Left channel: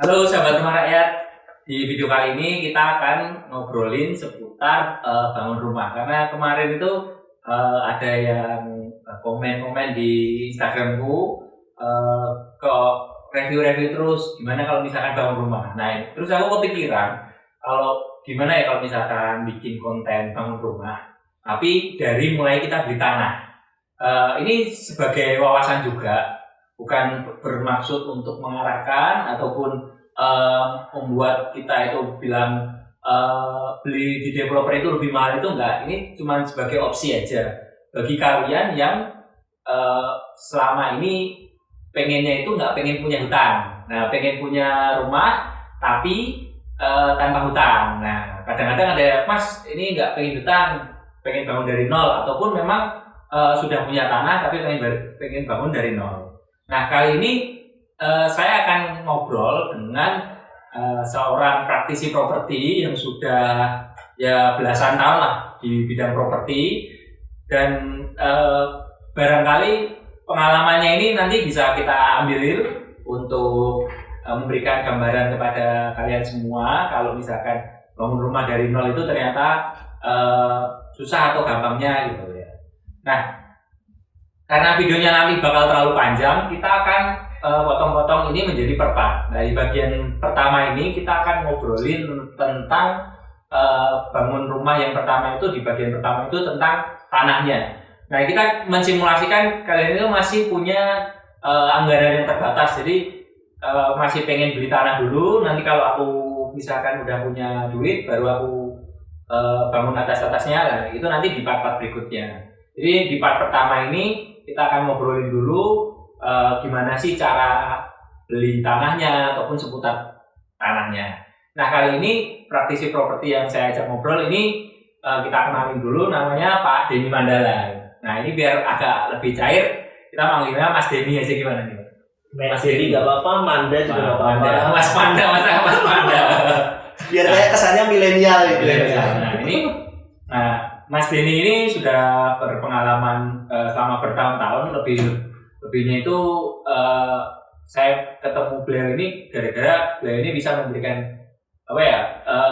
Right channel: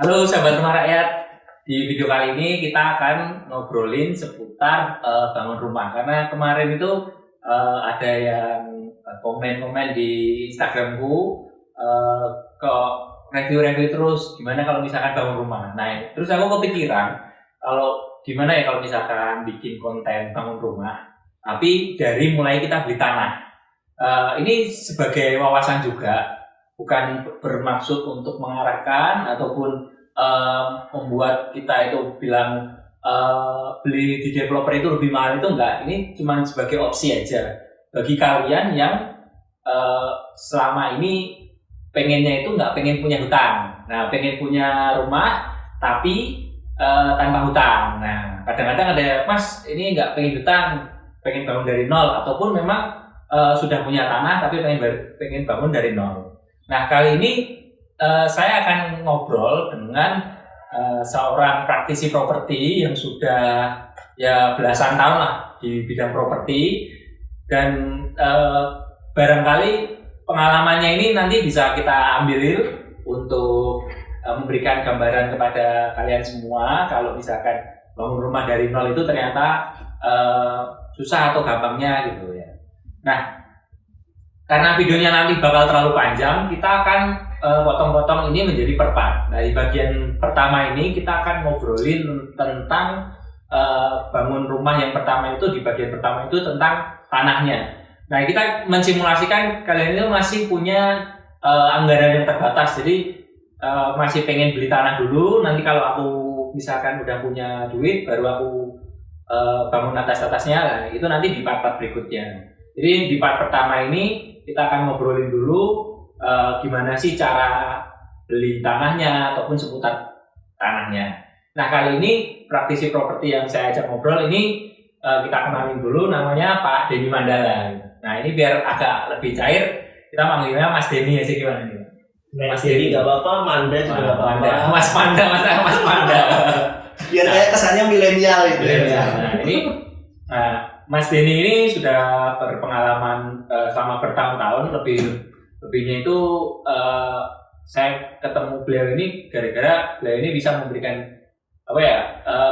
Halo sahabat rumah rakyat, di video kali ini kita akan ngobrolin seputar bangun rumah. Karena kemarin itu ada yang komen-komen di Instagramku ke review-review terus gimana kalau misalkan bangun rumah. Nah, terus aku kepikiran kalau gimana ya kalau misalkan bikin konten bangun rumah, tapi dari mulai kita beli tanah. Ini sebagai wawasan juga, bukan bermaksud untuk mengarahkan ataupun membuat kita itu bilang beli di developer itu lebih mahal, itu enggak. Ini cuma sebagai opsi aja bagi kalian yang selama ini pengennya itu nggak pengen punya hutang. Nah, pengen punya rumah tapi tanpa hutang. Nah, kadang-kadang ada, Mas ini nggak pengen hutang, pengen bangun dari nol, ataupun memang sudah punya tanah tapi pengen bangun dari nol. Nah, kali ini saya akan ngobrol dengan seorang praktisi properti yang sudah ya belasan tahun lah di bidang properti, dan barangkali pengalamannya ini nanti bisa kita ambil untuk memberikan gambaran kepada kalian semua kalau misalkan bangun rumah dari nol itu ternyata susah atau gampangnya gitu ya. Nah, karena videonya nanti bakal terlalu panjang, kita akan potong-potong ini menjadi per part. Nah, di bagian pertama ini kita akan ngobrolin tentang bangun rumah yang pertama itu. Di bagian pertama itu tentang tanahnya. Nah, kita mensimulasikan kalian itu masih punya anggaran yang terbatas, jadi masih pengen beli tanah dulu. Nanti kalau aku misalkan udah punya duit, baru aku bangun atas-atasnya. Nah, itu nanti di part-part berikutnya. Jadi di part pertama ini kita akan ngobrolin dulu gimana sih cara beli tanahnya ataupun seputar tanahnya. Nah, kali ini praktisi properti yang saya ajak ngobrol ini kita kenalin dulu, namanya Pak Denny Mandala. Nah, ini biar agak lebih cair, kita manggilnya Mas Denny aja, gimana nih? Mas Denny nggak apa-apa, Manda juga nggak apa-apa. Mas Panda, Mas Panda. Biar kayak kesannya milenial gitu. Nah, ini Mas Denny ini sudah berpengalaman selama bertahun-tahun, lebihnya itu saya ketemu beliau ini gara-gara beliau ini bisa memberikan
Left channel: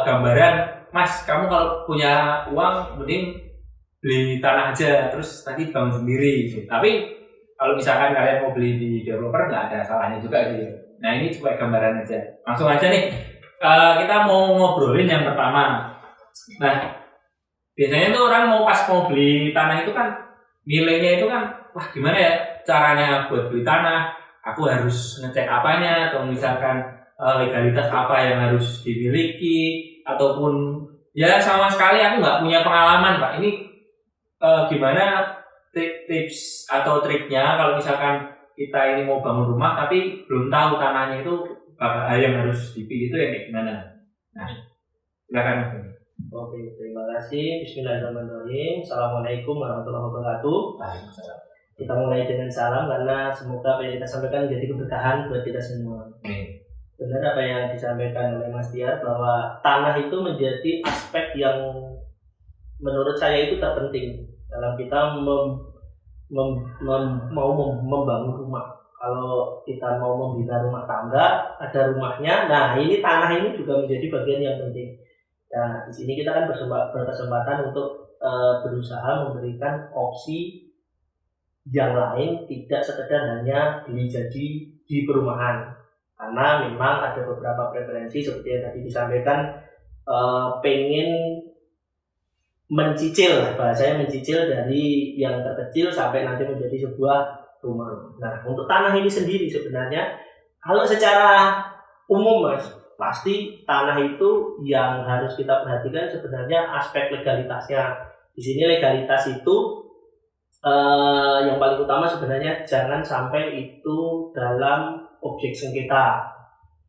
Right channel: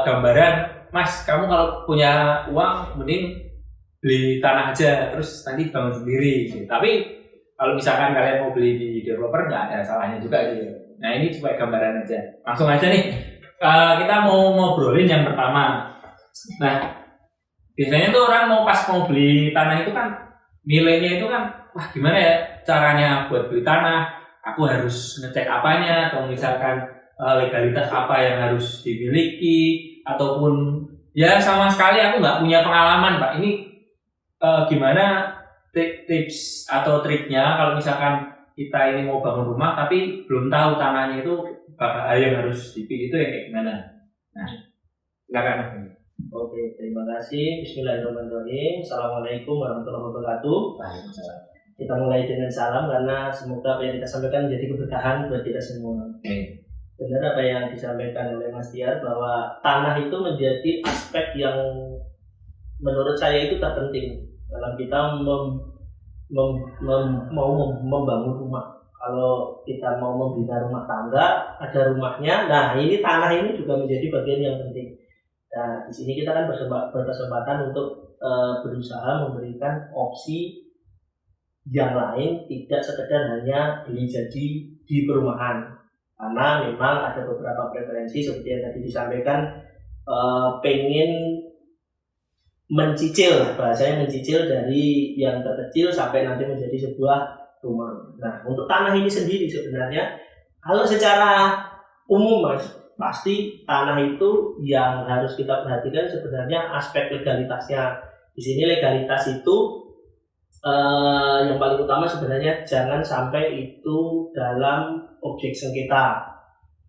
gambaran, Mas, kamu kalau punya uang mending beli tanah aja terus nanti bangun sendiri gitu. Tapi kalau misalkan kalian mau beli di developer nggak ada salahnya juga gitu. Nah, ini cuma gambaran aja. Langsung aja nih, kita mau ngobrolin yang pertama. Nah, biasanya tuh orang mau beli tanah itu kan nilainya itu kan, wah gimana ya caranya buat beli tanah, aku harus ngecek apanya, atau misalkan legalitas apa yang harus dimiliki, ataupun ya sama sekali aku nggak punya pengalaman, Pak. Ini gimana tips atau triknya kalau misalkan kita ini mau bangun rumah tapi belum tahu tanahnya itu yang harus dipilih itu yang kayak gimana. Nah, silakan. Oke, terima kasih. Bismillahirrahmanirrahim. Assalamualaikum warahmatullahi wabarakatuh. Waalaikumsalam. Kita mulai dengan salam karena semoga apa yang kita sampaikan menjadi keberkahan buat kita semua. Benar apa yang disampaikan oleh Mas Tiar, bahwa tanah itu menjadi aspek yang menurut saya itu terpenting dalam kita mau membangun rumah. Kalau kita mau membina rumah tangga, ada rumahnya. Nah, ini tanah ini juga menjadi bagian yang penting. Nah, di sini kita kan berkesempatan untuk berusaha memberikan opsi yang lain, tidak sekedar hanya beli jadi di perumahan. Karena memang ada beberapa preferensi seperti yang tadi disampaikan, pengen mencicil, bahasanya mencicil dari yang terkecil sampai nanti menjadi sebuah rumah. Nah, untuk tanah ini sendiri sebenarnya kalau secara umum, Mas, pasti tanah itu yang harus kita perhatikan sebenarnya aspek legalitasnya. Di sini legalitas itu yang paling utama sebenarnya jangan sampai itu dalam objek sengketa.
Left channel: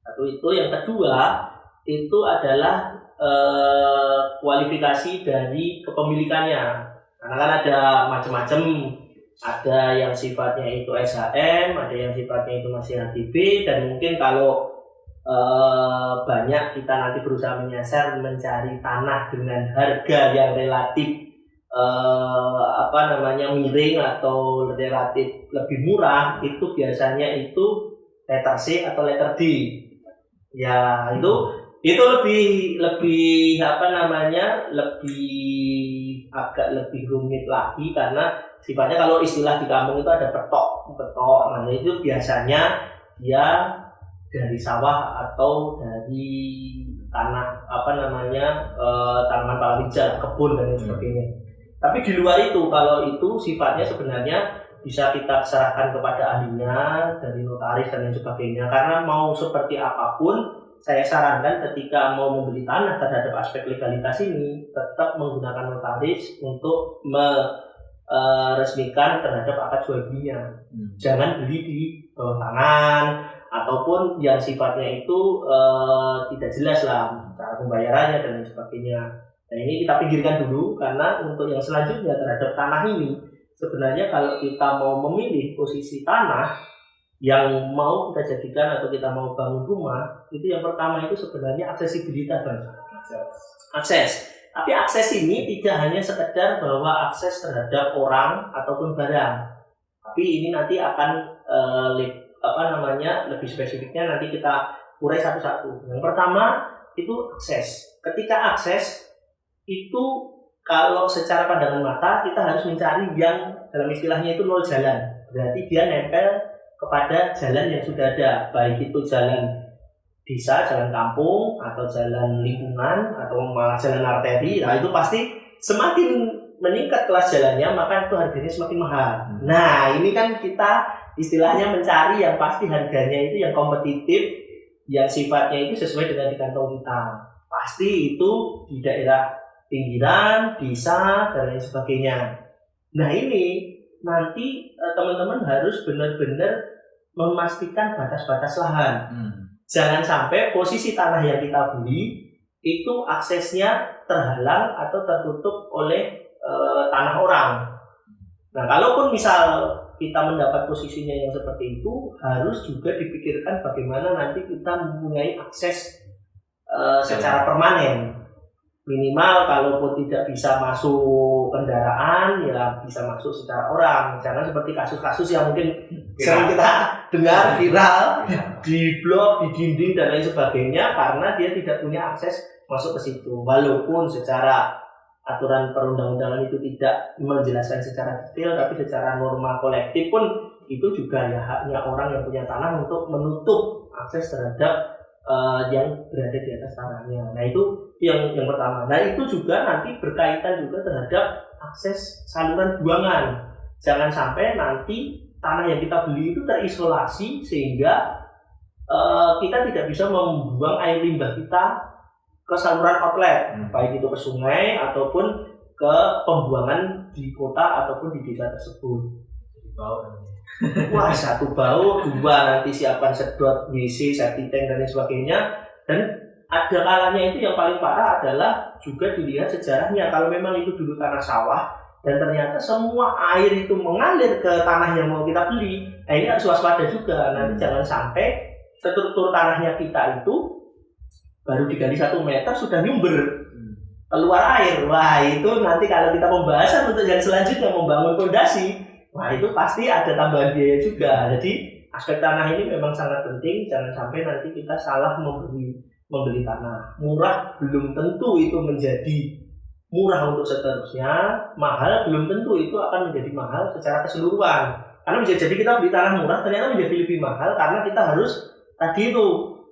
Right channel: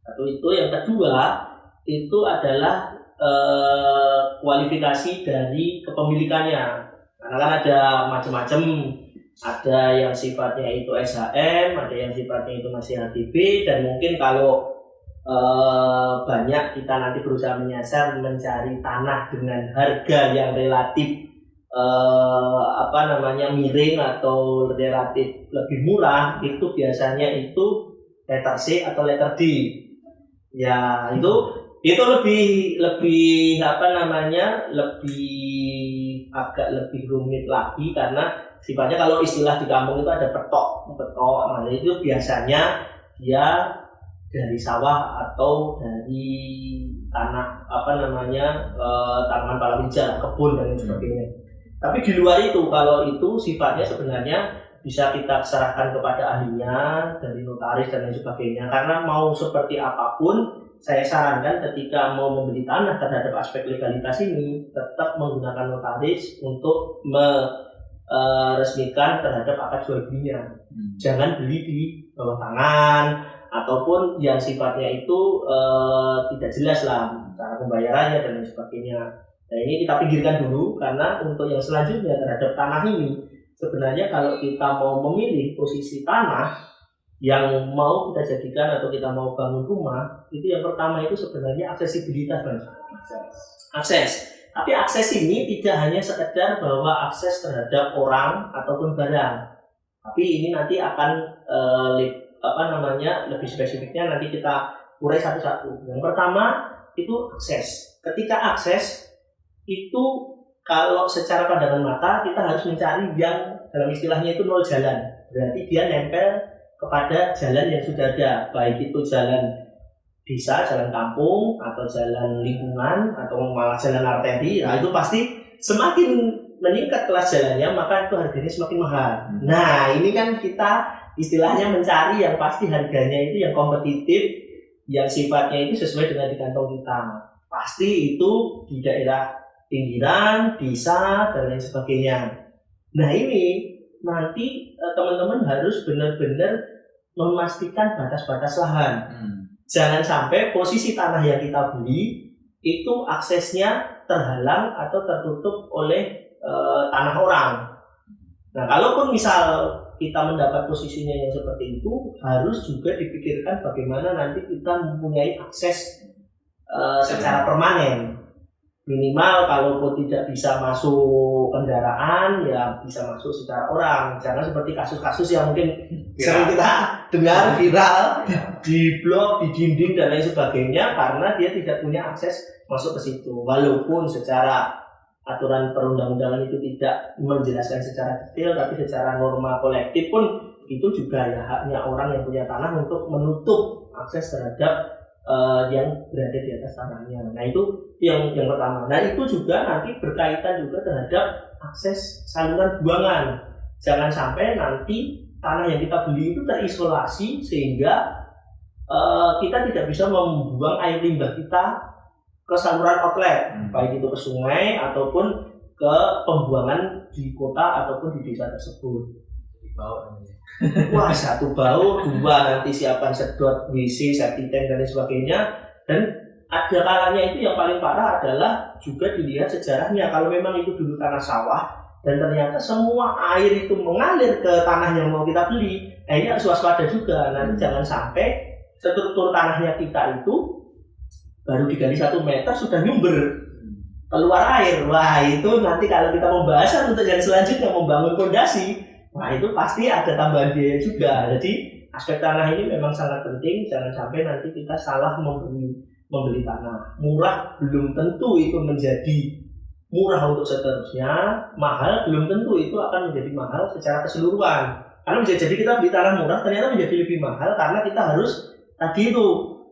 Satu itu, yang kedua itu adalah kualifikasi dari kepemilikannya. Karena kan ada macam-macam, ada yang sifatnya itu SHM, ada yang sifatnya itu masih HGB, dan mungkin kalau banyak kita nanti berusaha menyasar mencari tanah dengan harga yang relatif miring atau relatif lebih murah, itu biasanya itu letter C atau letter D. Ya, itu lebih apa namanya? Lebih rumit lagi karena sifatnya kalau istilah di kampung itu ada petok. Nah, itu biasanya dia dari sawah atau dari tanah apa namanya tanaman palawija, kebun dan lain sebagainya. Tapi di luar itu, kalau itu sifatnya sebenarnya bisa kita serahkan kepada ahlinya dari notaris dan lain sebagainya. Karena mau seperti apapun, saya sarankan ketika mau membeli tanah terhadap aspek legalitas ini tetap menggunakan notaris untuk meresmikan terhadap akad jual belinya. Jangan beli di bawah tangan ataupun yang sifatnya itu tidak jelas lah cara pembayarannya dan lain sebagainya. Nah, ini kita pinggirkan dulu karena untuk yang selanjutnya terhadap tanah ini sebenarnya kalau kita mau memilih posisi tanah yang mau kita jadikan atau kita mau bangun rumah, itu yang pertama itu sebenarnya aksesibilitas, Bang. Akses. Tapi akses ini tidak hanya sekedar bahwa akses terhadap orang ataupun barang. Tapi ini nanti akan lebih spesifiknya nanti kita urai satu-satu. Yang pertama itu akses. Ketika akses itu kalau secara pandangan mata kita harus mencari yang dalam istilahnya itu nol jalan. Berarti dia nempel kepada jalan yang sudah ada, baik itu jalan desa, jalan kampung, atau jalan lingkungan, atau malah jalan arteri. Nah, itu pasti semakin meningkat kelas jalannya, maka itu harganya semakin mahal. Nah, ini kan kita istilahnya mencari yang pasti harganya itu yang kompetitif, yang sifatnya itu sesuai dengan di kantong kita. Pasti itu di daerah pinggiran, desa, dan lain sebagainya. Nah, ini nanti teman-teman harus benar-benar memastikan batas-batas lahan. Jangan sampai posisi tanah yang kita beli itu aksesnya terhalang atau tertutup oleh tanah orang. Nah, kalaupun misal kita mendapat posisinya yang seperti itu, harus juga dipikirkan bagaimana nanti kita mempunyai akses secara permanen. Minimal kalaupun tidak bisa masuk kendaraan, ya bisa masuk secara orang. Jangan seperti kasus-kasus yang mungkin sering kita dengar viral di blog, di dinding dan lain sebagainya, karena dia tidak punya akses masuk ke situ. Walaupun secara aturan perundang-undangan itu tidak menjelaskan secara detail, tapi secara norma kolektif pun itu juga ya haknya orang yang punya tanah untuk menutup akses terhadap yang berada di atas tanahnya. Nah, itu yang pertama. Nah, itu juga nanti berkaitan juga terhadap akses saluran buangan. Jangan sampai nanti tanah yang kita beli itu terisolasi sehingga kita tidak bisa membuang air limbah kita ke saluran outlet, baik itu ke sungai ataupun ke pembuangan di kota ataupun di desa tersebut. Wah, satu bau, dua nanti siapan sedot, WC, septic tank dan lain sebagainya. Dan ada kalanya itu yang paling parah adalah juga dilihat sejarahnya. Kalau memang itu dulu tanah sawah dan ternyata semua air itu mengalir ke tanah yang mau kita beli, nah ini harus waspada juga. Nanti jangan sampai struktur tanahnya kita itu baru digali 1 meter sudah nyumber keluar air. Wah, itu nanti kalau kita pembahasan untuk yang selanjutnya membangun fondasi, wah itu pasti ada tambahan biaya juga. Jadi aspek tanah ini memang sangat penting. Jangan sampai nanti kita salah membeli tanah. Murah belum tentu itu menjadi murah untuk seterusnya. Mahal belum tentu itu akan menjadi mahal secara keseluruhan. Karena bisa jadi kita beli tanah murah ternyata menjadi lebih mahal karena kita harus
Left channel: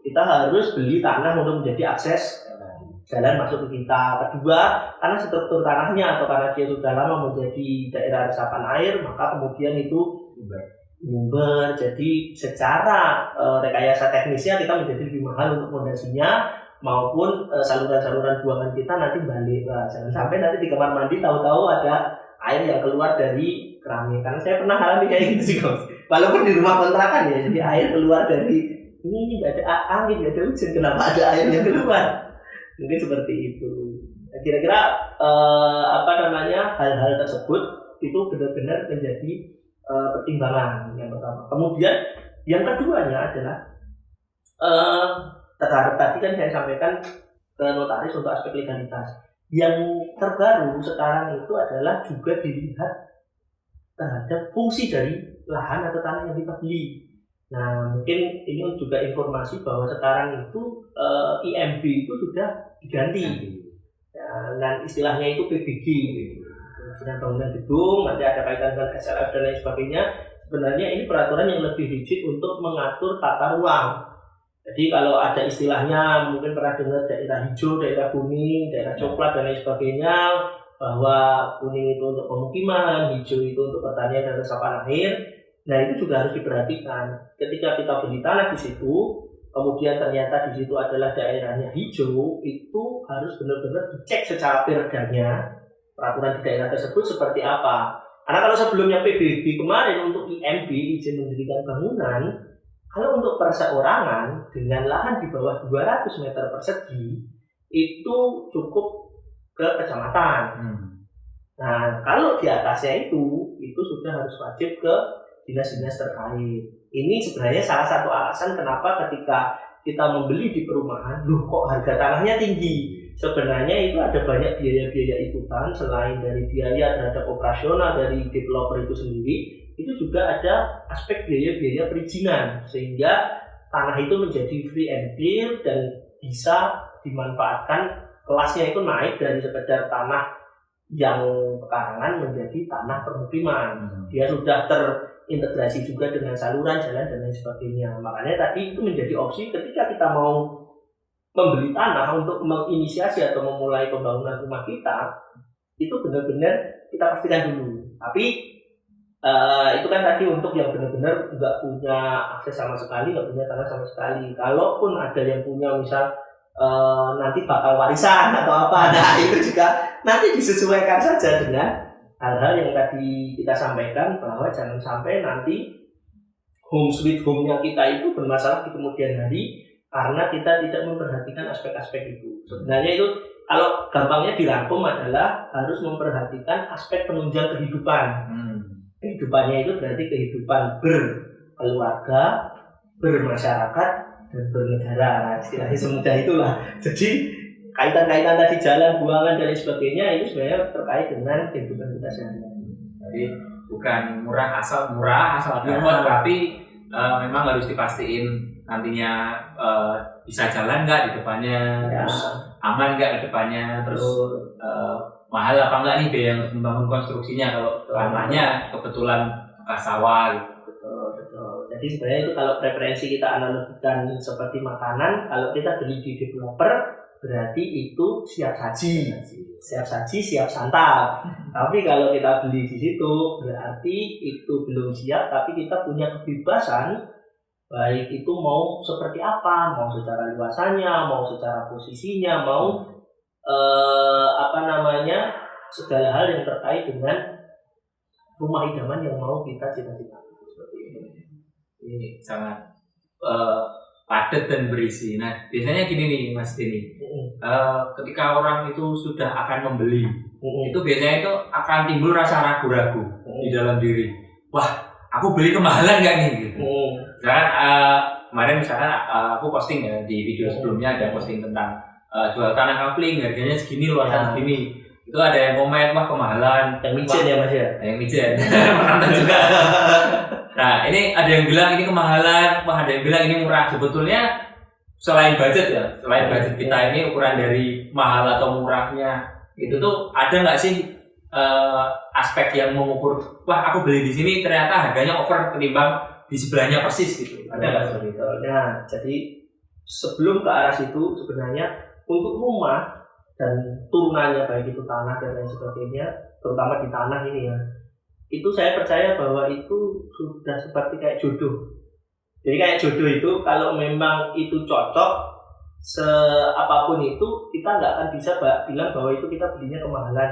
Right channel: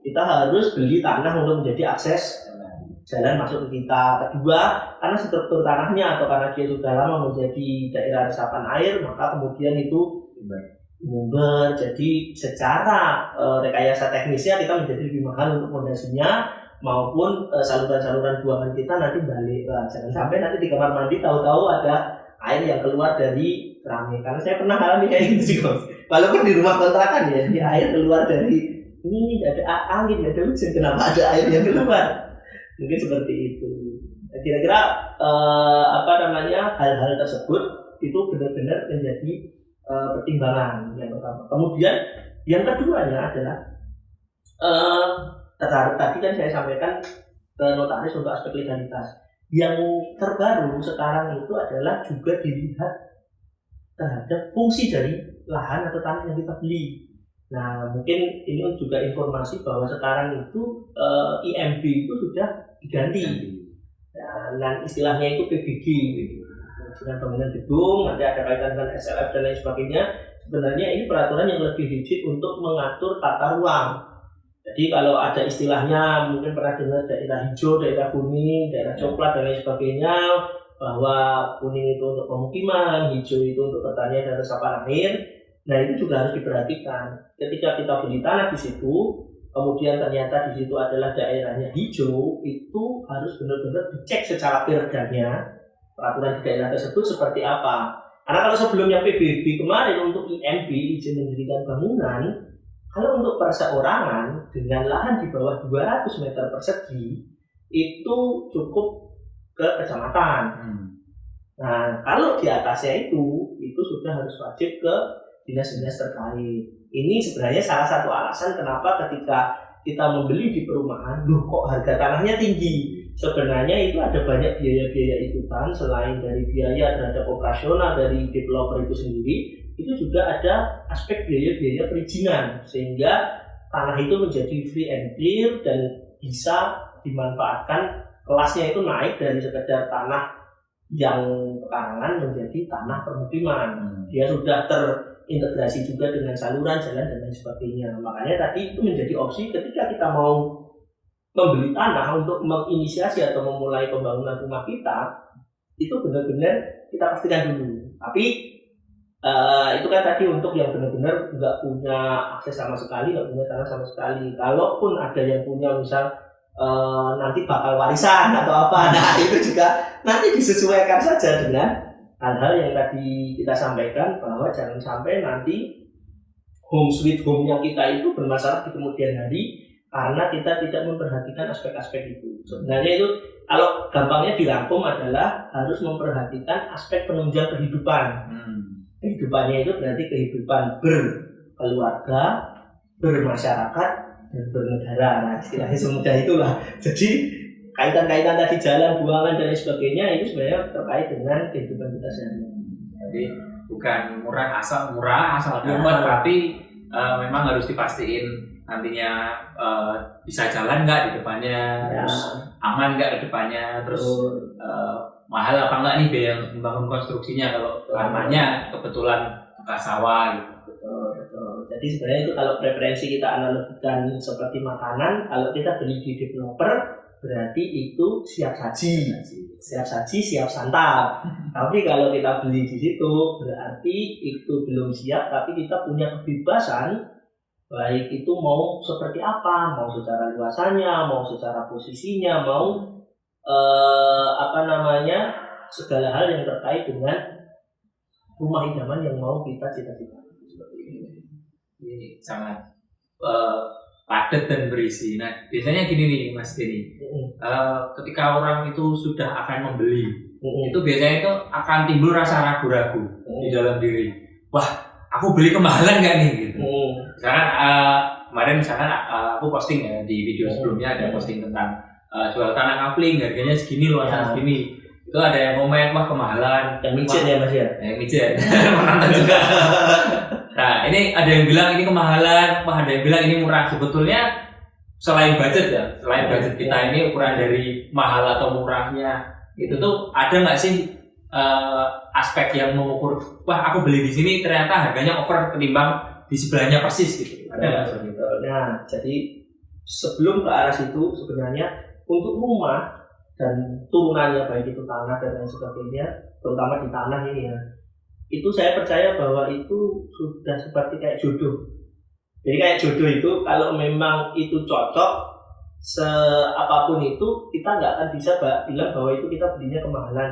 kita harus beli tanah untuk menjadi akses jalan masuk ke kita. Kedua, karena struktur tanahnya atau karena dia sudah lama menjadi daerah resapan air, maka kemudian itu nyumber. Jadi secara rekayasa teknisnya kita menjadi lebih mahal untuk fondasinya maupun saluran-saluran buangan kita nanti balik. Nah, jangan sampai nanti di kamar mandi tahu-tahu ada air yang keluar dari keramik. Karena saya pernah alami kayak gitu sih, Bos. Walaupun di rumah kontrakan ya, di air keluar dari ini nggak ada angin, nggak ada hujan, kenapa ada air yang keluar? Mungkin seperti itu. Kira-kira hal-hal tersebut itu benar-benar menjadi pertimbangan yang pertama. Kemudian yang keduanya adalah terhadap tadi kan saya sampaikan ke notaris untuk aspek legalitas. Yang terbaru sekarang itu adalah juga dilihat terhadap fungsi dari lahan atau tanah yang kita beli. Nah, mungkin ini juga informasi bahwa sekarang itu IMB itu sudah diganti. Dan istilahnya itu PBG, dengan bangunan gedung, nanti ada kaitan dengan SLF dan lain sebagainya. Sebenarnya ini peraturan yang lebih rigid untuk mengatur tata ruang. Jadi kalau ada istilahnya mungkin pernah dengar daerah hijau, daerah kuning, daerah coklat dan lain sebagainya, bahwa kuning itu untuk pemukiman, hijau itu untuk pertanian dan resapan air. Nah, itu juga harus diperhatikan. Ketika kita beli tanah di situ, kemudian ternyata di situ adalah daerahnya hijau, itu harus benar-benar dicek secara perdanya peraturan di daerah tersebut seperti apa. Karena kalau sebelumnya PBB kemarin untuk IMB, izin mendirikan bangunan, kalau untuk perseorangan dengan lahan di bawah 200 meter persegi itu cukup ke kecamatan. Nah, kalau di atasnya itu sudah harus wajib ke dinas-dinas terkait. Ini sebenarnya salah satu alasan kenapa ketika kita membeli di perumahan, kok harga tanahnya tinggi. Sebenarnya itu ada banyak biaya-biaya ikutan selain dari biaya terhadap operasional dari developer itu sendiri, itu juga ada aspek biaya-biaya perizinan sehingga tanah itu menjadi free and clear dan bisa dimanfaatkan, kelasnya itu naik dari sekedar tanah yang pekarangan menjadi tanah permukiman. Dia sudah terintegrasi juga dengan saluran, jalan dan lain sebagainya. Makanya tadi itu menjadi opsi ketika kita mau membeli tanah untuk menginisiasi atau memulai pembangunan rumah kita, itu benar-benar kita pastikan dulu. Tapi itu kan tadi untuk yang benar-benar nggak punya akses sama sekali, nggak punya tanah sama sekali. Kalaupun ada yang punya, misal nanti bakal warisan atau apa, nah itu juga nanti disesuaikan saja dengan hal-hal yang tadi kita sampaikan, bahwa jangan sampai nanti home sweet home-nya kita itu bermasalah di kemudian hari karena kita tidak memperhatikan aspek-aspek itu. Sebenarnya itu kalau gampangnya dirangkum adalah harus memperhatikan aspek penunjang kehidupan. Kehidupannya itu berarti kehidupan berkeluarga, bermasyarakat, dan bernegara. Nah, istilahnya semudah itulah. Jadi kaitan-kaitan tadi jalan, buangan dan lain sebagainya itu sebenarnya terkait dengan kehidupan kita sehari-hari. Jadi bukan murah asal dapat, tapi memang harus dipastiin nantinya bisa jalan nggak di depannya, terus aman nggak di depannya, terus mahal apa enggak nih biaya untuk membangun konstruksinya kalau tanahnya kebetulan bekas sawah gitu. Betul. Jadi sebenarnya itu kalau preferensi kita analogikan seperti makanan, kalau kita beli di developer berarti itu siap saji, siap santap. Tapi kalau kita beli di situ berarti itu belum siap, tapi kita punya kebebasan baik itu mau seperti apa, mau secara luasannya, mau secara posisinya, mau segala hal yang terkait dengan rumah idaman yang mau kita cita-citakan. Seperti ini sangat padat dan berisi. Nah, biasanya gini nih Mas Denny, ketika orang itu sudah akan membeli, itu biasanya itu akan timbul rasa ragu-ragu di dalam diri. Wah, aku beli kemahalan nggak nih gitu. Misalkan kemarin aku posting ya di video sebelumnya, ada posting tentang jual tanah kapling harganya segini, luasan segini. Itu ada yang komen, wah kemahalan. Yang micet ya Mas ya? Yang micet, menonton juga. Nah, ini ada yang bilang ini kemahalan, wah ada yang bilang ini murah. Sebetulnya selain budget kita ini, ukuran dari mahal atau murahnya itu tuh ada nggak sih aspek yang mengukur, wah aku beli di sini ternyata harganya over ketimbang di sebelahnya persis gitu. Ada nggak seperti itu? Nah, jadi sebelum ke arah situ sebenarnya untuk rumah dan turunannya baik itu tanah dan lain sebagainya, terutama di tanah ini ya, itu saya percaya bahwa itu sudah seperti kayak jodoh. Jadi kayak jodoh itu kalau memang itu cocok, seapapun itu kita nggak akan bisa bilang bahwa itu kita belinya kemahalan.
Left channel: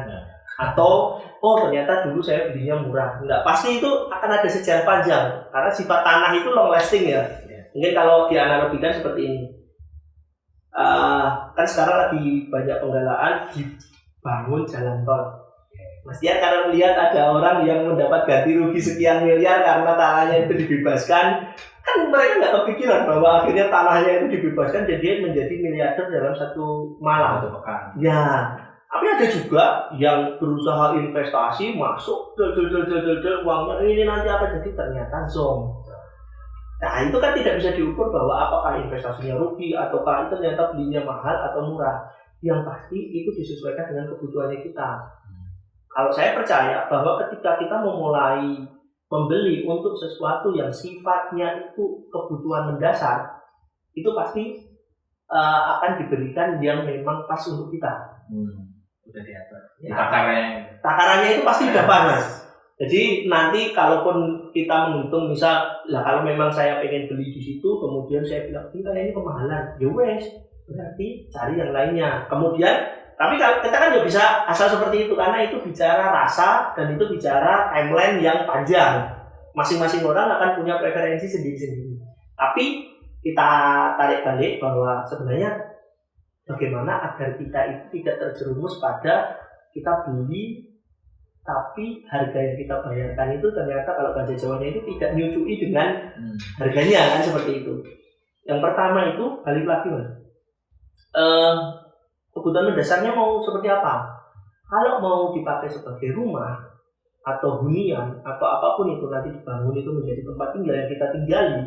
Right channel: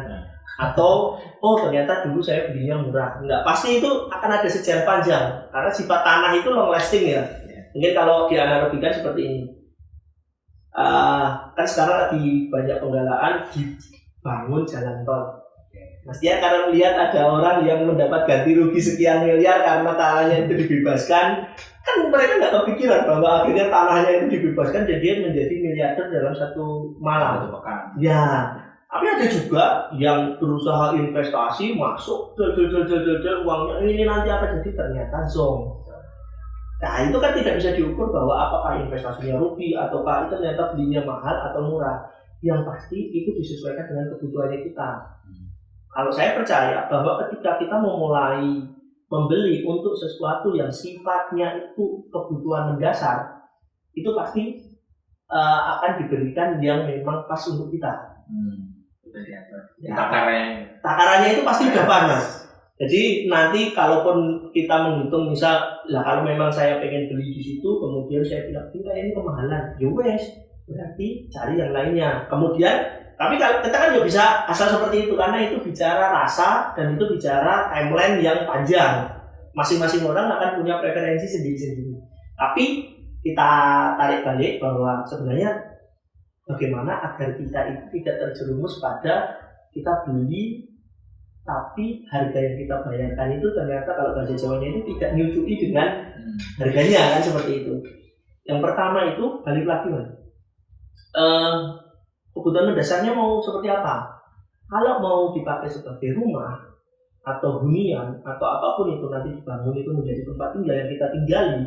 Atau ternyata dulu saya belinya murah. Enggak, pasti itu akan ada sejarah panjang karena sifat tanah itu long lasting ya. Mungkin kalau dianalogikan seperti ini, kan sekarang lagi banyak penggalaan dibangun jalan tol. Mas Dian karena melihat ada orang yang mendapat ganti rugi sekian miliar karena tanahnya itu dibebaskan, kan mereka nggak kepikiran bahwa akhirnya tanahnya itu dibebaskan dan dia menjadi miliarder dalam satu malam. Satu pekan. Ya. Tapi ada juga yang berusaha investasi masuk, uangnya ini nanti apa jadi, ternyata zong. Nah itu kan tidak bisa diukur bahwa apakah investasinya rugi ataukah itu ternyata belinya mahal atau murah. Yang pasti itu disesuaikan dengan kebutuhannya kita. Kalau saya percaya bahwa ketika kita memulai membeli untuk sesuatu yang sifatnya itu kebutuhan mendasar, itu pasti akan diberikan yang memang pas untuk kita. Udah diatur. Ya. Takarannya itu pasti udah pas, Mas. Jadi nanti kalaupun kita menghitung misal, lah kalau memang saya pengen beli di situ, kemudian saya bilang ini kemahalan, ya wes, berarti cari yang lainnya. Kemudian, tapi kita kan nggak bisa asal seperti itu karena itu bicara rasa dan itu bicara timeline yang panjang. Masing-masing orang akan punya preferensi sendiri-sendiri. Tapi kita tarik balik bahwa sebenarnya bagaimana agar kita itu tidak terjerumus pada kita beli tapi harga yang kita bayarkan itu ternyata kalau bahasa Jawanya itu tidak nyucui dengan harganya kan seperti itu. Yang pertama itu balik lagi Mas. Kebutuhan mendasarnya mau seperti apa? Kalau mau dipakai sebagai rumah atau hunian atau apapun itu nanti dibangun itu menjadi tempat tinggal yang kita tinggali,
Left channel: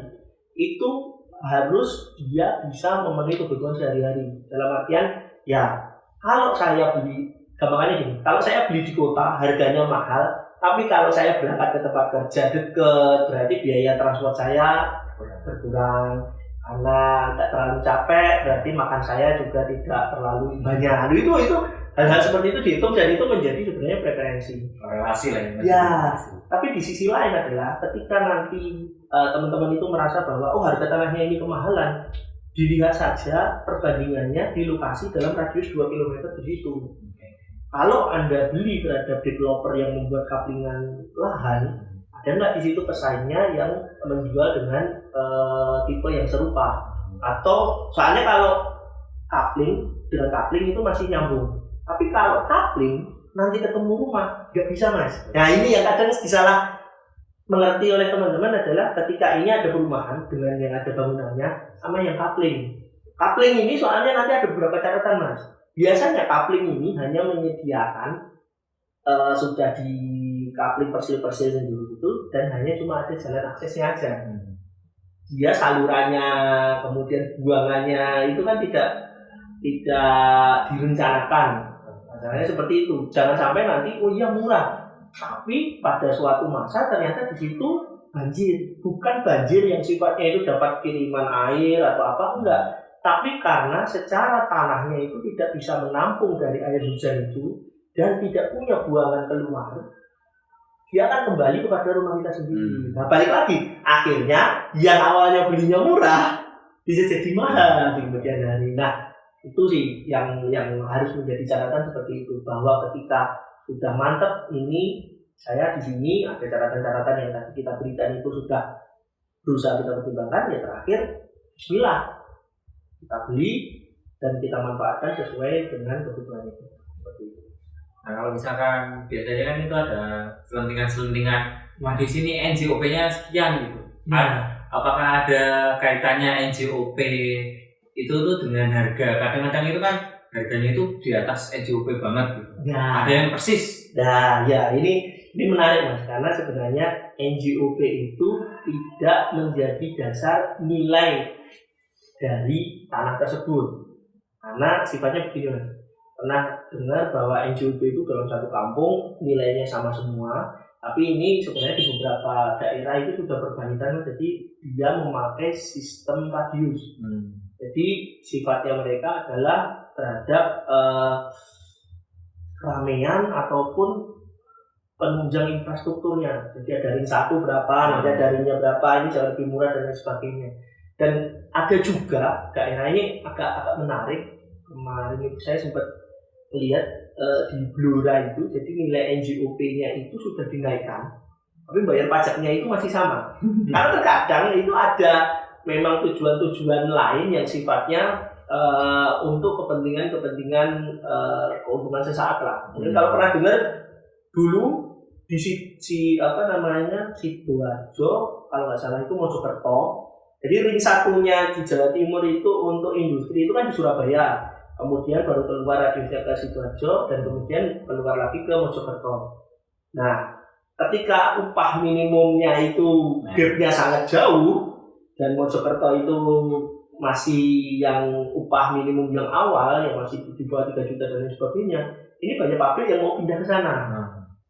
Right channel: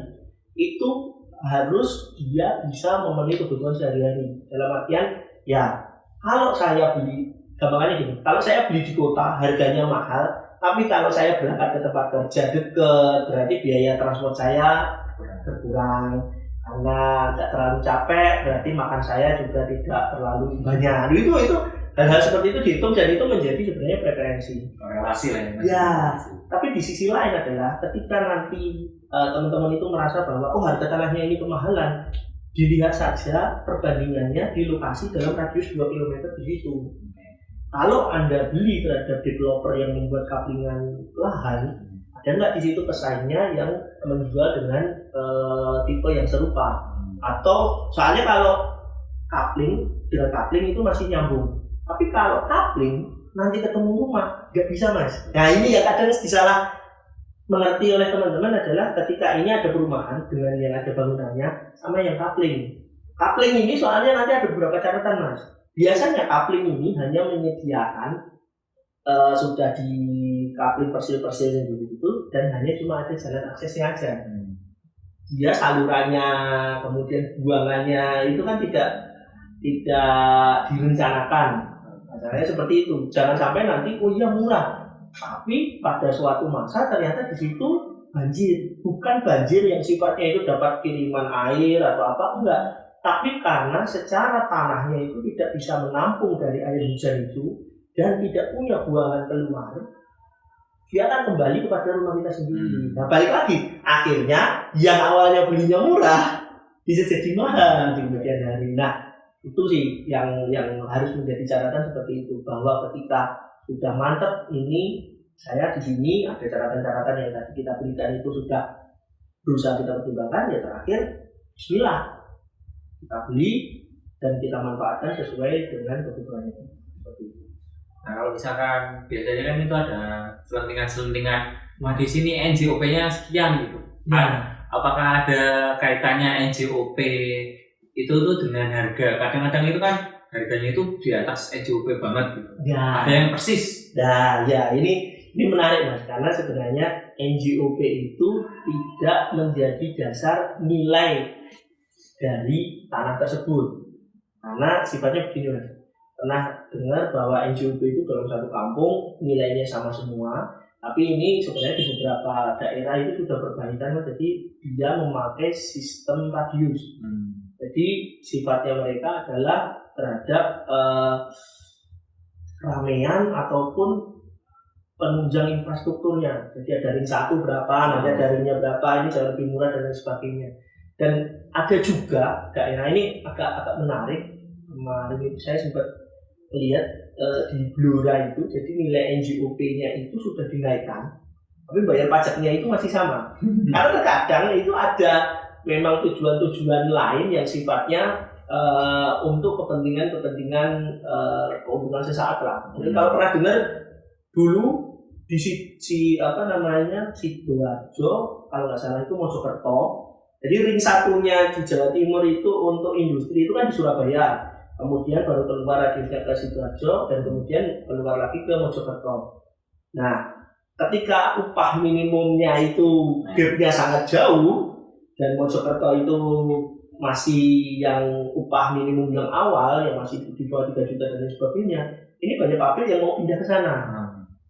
itu harus dia bisa memenuhi kebutuhan sehari-hari. Dalam artian ya kalau saya beli gampangnya gini, kalau saya beli di kota harganya mahal, tapi kalau saya berangkat ke tempat kerja dekat, berarti biaya transport saya berkurang karena tidak terlalu capek, berarti makan saya juga tidak terlalu banyak. Itu hal-hal seperti itu dihitung dan itu menjadi sebenarnya preferensi. Relasi lah ya. Tapi di sisi lain adalah ketika nanti teman-teman itu merasa bahwa harga tanahnya ini kemahalan, dilihat saja perbandingannya di lokasi dalam radius 2 km di situ. Kalau Anda beli terhadap developer yang membuat kaplingan lahan, ada nggak di situ pesaingnya yang menjual dengan tipe yang serupa? Atau soalnya kalau kapling dengan kapling itu masih nyambung. Tapi kalau kapling nanti ketemu rumah nggak bisa Mas. Nah ini yang kadang disalah mengerti oleh teman-teman adalah ketika ini ada perumahan dengan yang ada bangunannya sama yang kapling. Kapling ini soalnya nanti ada beberapa catatan Mas. Biasanya kapling ini hanya menyediakan sudah di kapling persil-persil sendiri itu dan hanya cuma ada jalan aksesnya aja. Dia salurannya kemudian buangannya itu kan tidak direncanakan. Masalahnya seperti itu. Jangan sampai nanti murah, tapi pada suatu masa ternyata di situ banjir. Bukan banjir yang sifatnya itu dapat kiriman air atau apa enggak. Tapi karena secara tanahnya itu tidak bisa menampung dari air hujan itu dan tidak punya buangan keluar, dia akan kembali kepada rumah kita sendiri. Nah balik lagi, akhirnya yang awalnya belinya murah bisa jadi mahal di kemudian hari. Nah itu sih yang harus menjadi catatan seperti itu, bahwa ketika sudah mantap ini saya di sini ada catatan-catatan yang tadi kita berikan itu sudah berusaha kita pertimbangkan, ya terakhir bismillah kita beli dan kita manfaatkan sesuai dengan kebutuhan itu. Seperti itu. Nah kalau misalkan biasanya kan itu ada selentingan-selentingan, wah di sini NJOP-nya sekian gitu. Apakah ada kaitannya NJOP itu tuh dengan harga? Kadang-kadang itu kan harganya itu di atas NJOP banget gitu. Ya. Ada yang persis. Nah ya ini menarik Mas, karena sebenarnya NJOP itu tidak menjadi dasar nilai dari tanah tersebut, karena sifatnya begini Mas. Pernah dengar bahwa NJOP itu dalam satu kampung nilainya sama semua, tapi ini sebenarnya di beberapa daerah itu sudah perbaikan, jadi dia memakai sistem radius. Jadi sifatnya mereka adalah terhadap keramaian ataupun penunjang infrastrukturnya. Jadi ada ring 1 berapa, nanti ada ringnya berapa, ini jauh lebih murah dan lain sebagainya. Dan ada juga daerah ini agak menarik. Kemarin itu saya sempat lihat di Blora itu, jadi nilai NJOP-nya itu sudah dinaikkan, tapi bayar pajaknya itu masih sama. Karena terkadang itu ada memang tujuan-tujuan lain yang sifatnya untuk kepentingan keuntungan sesaat lah. Mungkin kalau pernah dengar dulu di Sidoarjo kalau nggak salah itu Mojokerto. Jadi ring 1-nya di Jawa Timur itu untuk industri itu kan di Surabaya, kemudian baru keluar radiusnya ke Sidoarjo dan kemudian keluar lagi ke Mojokerto. Nah, ketika upah minimumnya itu gap-nya sangat jauh, dan Mojokerto itu masih yang upah minimum yang awal yang masih di bawah 3 juta dan lain sebagainya, ini banyak pabrik yang mau pindah ke sana.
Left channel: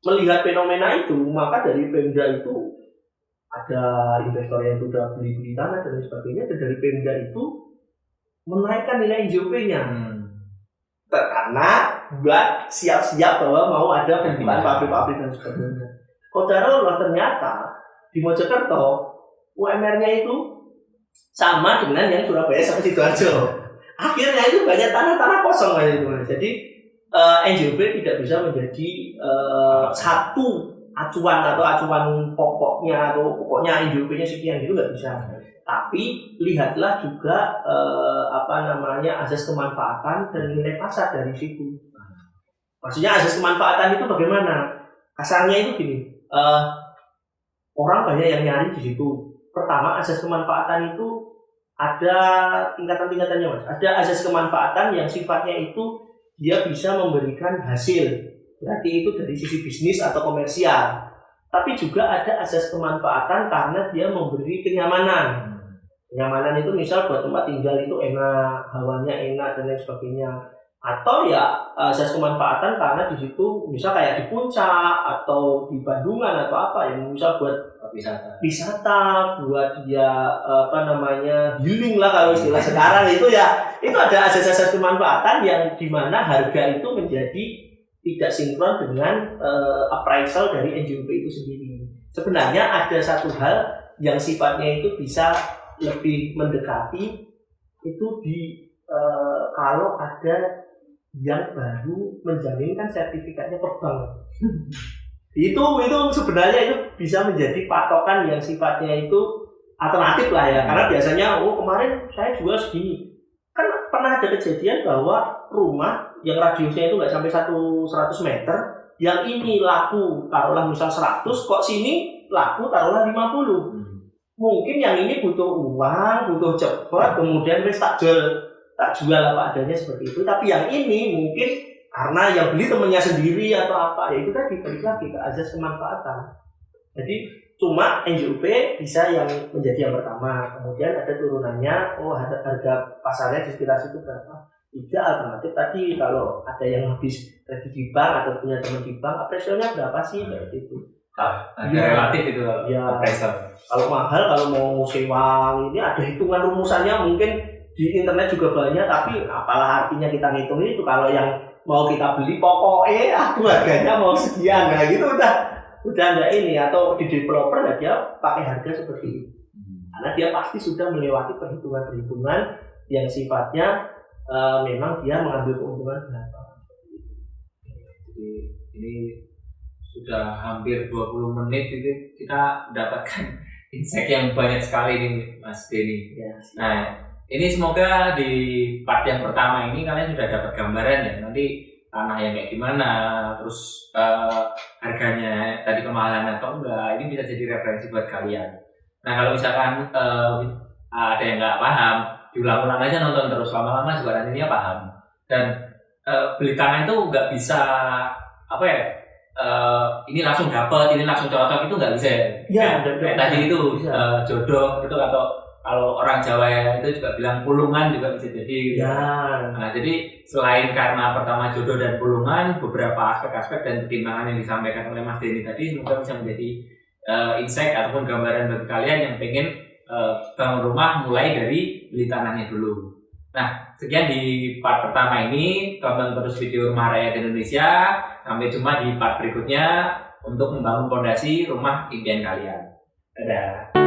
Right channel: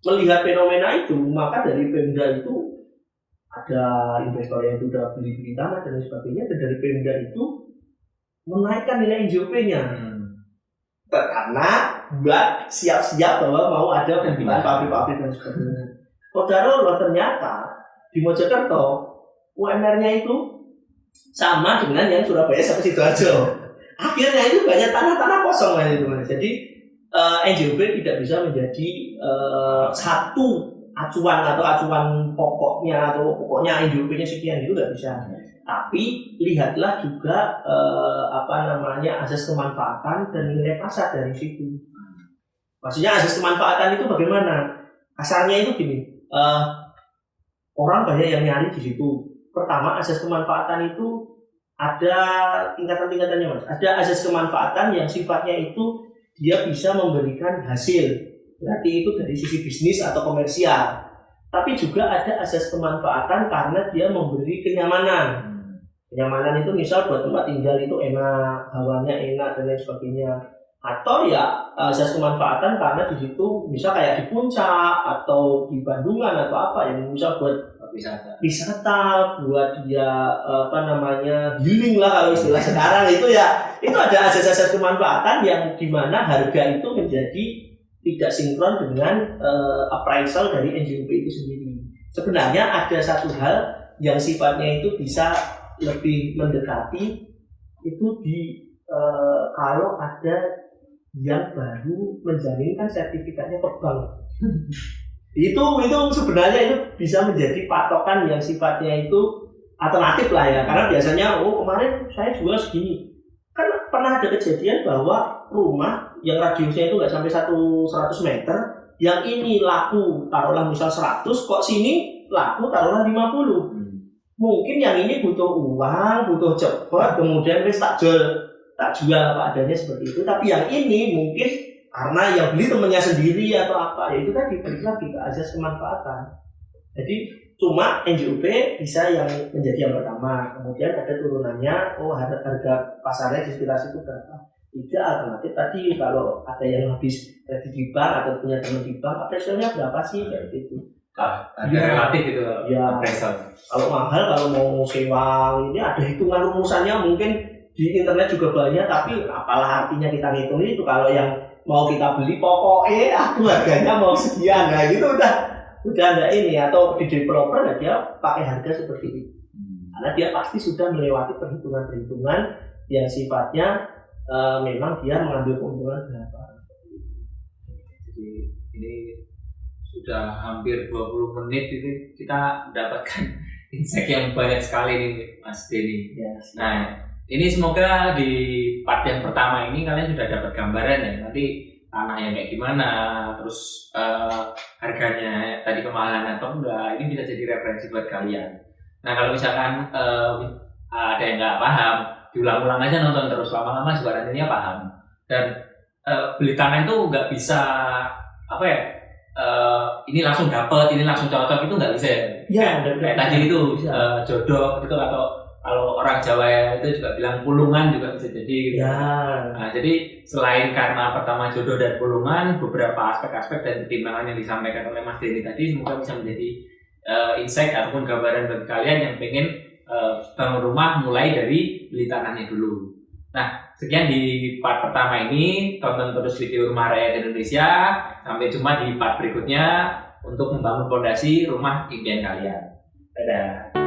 Melihat fenomena itu, maka dari Pemda itu ada investor yang sudah beli tanah dan lain sebagainya, dan dari Pemda itu menaikkan nilai NJOP-nya. Karena buat siap-siap bahwa mau ada pembukaan pabrik-pabrik dan sebagainya. Kodarullah ternyata di Mojokerto UMR-nya itu sama dengan yang Surabaya sampai Sidoarjo. Akhirnya itu banyak tanah-tanah kosong gitu. Jadi NJOP tidak bisa menjadi satu acuan atau acuan pokoknya atau pokoknya NJOP-nya sekian, itu nggak bisa. Tapi lihatlah juga asas kemanfaatan dan nilai pasar dari situ. Maksudnya asas kemanfaatan itu bagaimana? Kasarnya itu gini, orang banyak yang nyari di situ. Pertama, asas kemanfaatan itu ada tingkatan-tingkatannya, Mas. Ada asas kemanfaatan yang sifatnya itu dia bisa memberikan hasil. Berarti itu dari sisi bisnis atau komersial. Tapi juga ada asas kemanfaatan karena dia memberi kenyamanan. Kenyamanan itu misal buat tempat tinggal itu enak, hawanya enak dan lain sebagainya. Atau ya asas kemanfaatan karena di situ misal kayak di Puncak atau di Bandungan atau apa yang misal buat wisata buat dia healing lah kalau istilah sekarang itu ya, itu ada asas-asas kemanfaatan yang dimana harga itu menjadi tidak sinkron dengan appraisal dari NJOP itu sendiri. Sebenarnya ada satu hal yang sifatnya itu bisa lebih mendekati itu di kalau ada yang baru menjaminkan sertifikatnya ke bank. itu sebenarnya itu bisa menjadi patokan yang sifatnya itu alternatif lah ya, karena biasanya kemarin saya jual segini, kan pernah ada kejadian bahwa rumah yang radiusnya itu nggak sampai 100 meter, yang ini laku taruhlah misal 100, kok sini laku taruhlah 50. Mungkin yang ini butuh uang, butuh cepat, kemudian wis tak jual apa adanya seperti itu. Tapi yang ini mungkin karena yang beli temannya sendiri atau apa, ya itu tadi balik lagi ke azas kemanfaatan. Jadi cuma NJOP bisa yang menjadi yang pertama, kemudian ada turunannya, harga pasarnya di sekitar situ berapa. Tidak alternatif tadi, kalau ada yang habis kredit di bank atau punya teman di bank, appraisalnya berapa sih kayak gitu. Relatif itu ya, appraisal. Kalau mahal, kalau mau sewa ini ada hitungan rumusannya, mungkin di internet juga banyak, tapi apalah artinya kita ngitung itu kalau yang mau kita beli pokoknya harganya mau sekian, nah gitu udah enggak ini, atau di developer nah dia pakai harga seperti itu. Karena dia pasti sudah melewati perhitungan-perhitungan yang sifatnya memang dia mengambil keuntungan berapa. Jadi ini sudah hampir 20 menit itu kita mendapatkan insight yang banyak sekali nih Mas Denny. Yes. Nah, ini semoga di part yang pertama ini kalian sudah dapat gambaran ya, nanti tanah yang kayak gimana, terus harganya tadi kemahalan atau enggak, ini bisa jadi referensi buat kalian. Nah kalau misalkan ada yang nggak paham, diulang-ulang aja nonton terus, lama-lama juga nantinya paham. Dan beli tanah itu nggak bisa ini langsung dapat, ini langsung cocok, itu nggak bisa ya. Kayak tadi itu jodoh gitu, atau kalau orang Jawa itu juga bilang pulungan juga bisa jadi. Ya. Nah, jadi selain karena pertama jodoh dan pulungan, beberapa aspek-aspek dan pertimbangan yang disampaikan oleh Mas Denny tadi semoga bisa menjadi insight ataupun gambaran bagi kalian yang pengen bangun rumah mulai dari beli tanahnya dulu. Nah, sekian di part pertama ini. Tonton terus video Rumah Rakyat Indonesia. Sampai jumpa di part berikutnya untuk membangun fondasi rumah impian kalian. Dadah.